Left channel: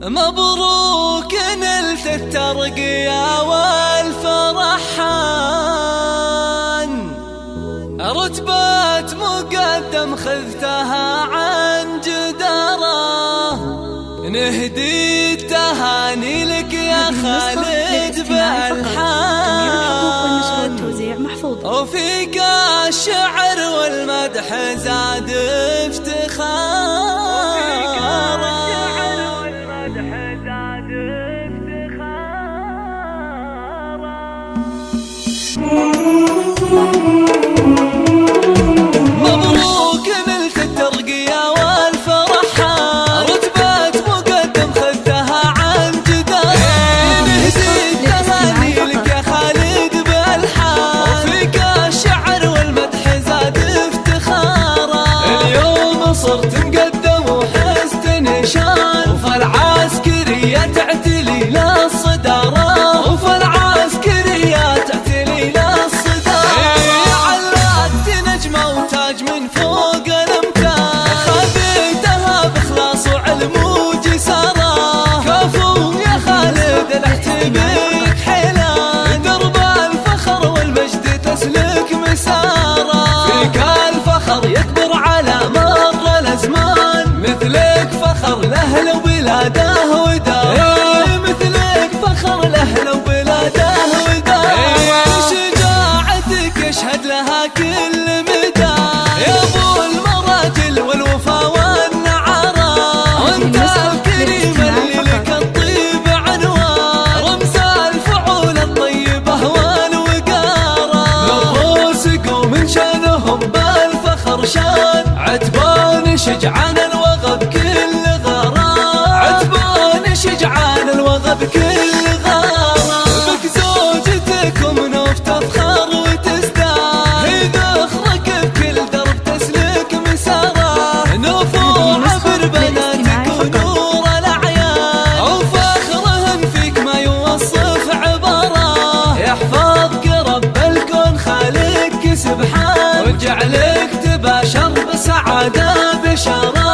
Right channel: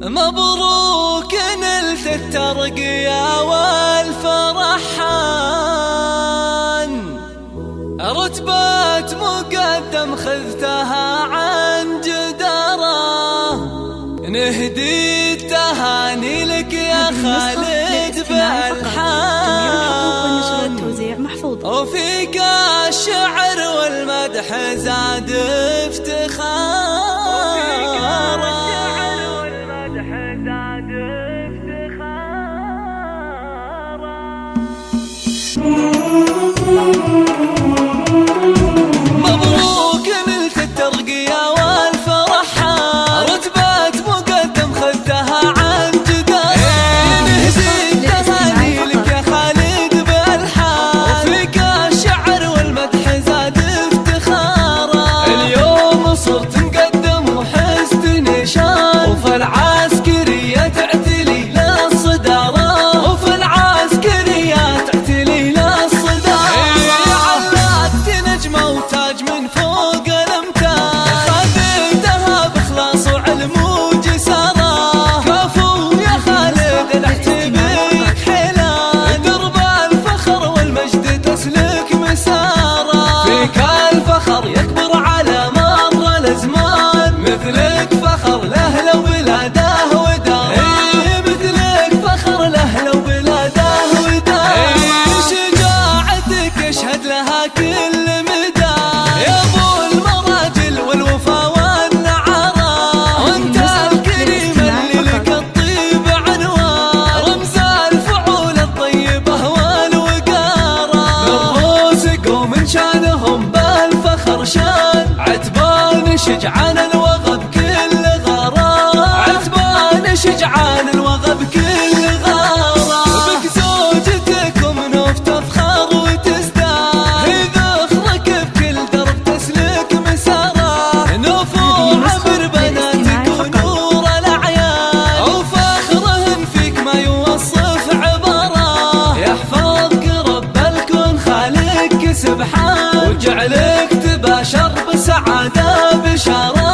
مبروك نلت الترقية والفرحان، رتبة مقدم خذتها عن جدارة، نهدي التهاني لك يا خالد بالحان، وفيك الشعر والمدح زاد افتخارا. مبروك نلت الترقية والفرحان، رتبة مقدم خذتها عن جدارة، نهدي التهاني لك يا خالد بالحان، وفيك الشعر والمدح زاد افتخارا. اليوم صرت مقدم وحزت نشان، وفي العسكرية تعتلي للصدارة، وفي العسكرية تعتلي للصدارة. علقت نجمة وتاج من فوق الامتاج، خذيتها بإخلاص وعلم وجسارة، كفو يا خالد الاحتبيك حيلان، درب الفخر والمجد تسلك مسارة، فيك الفخر يكبر على مر الازمان، مثلك فخر لاهل وبلاده وداره، مثلك فخر لاهل وبلاده وداره. شجاعتك يشهد لها كل مدى يا ابو المراجل والوفا والنعرة، وانت الكريم اللي لك الطيب عنوان، رمز الفعول الطيبة والوقارة، من روسك ومن شانهم بالفخر شان، عتبان شجعان الوغى بكل غارة، عتبان شجعان الوغى بكل غارة. بك زوجتكم نوف تفخر وتزداد، هي ذخرك بكل درب تسلك مسارة، نوف وعبر بناتك ونور الأعيان، وفخرهن فيك ما يوصف عبارة، يحفظك رب الكون خالقك سبحان، وجعلك تباشر بسعادة بشارة.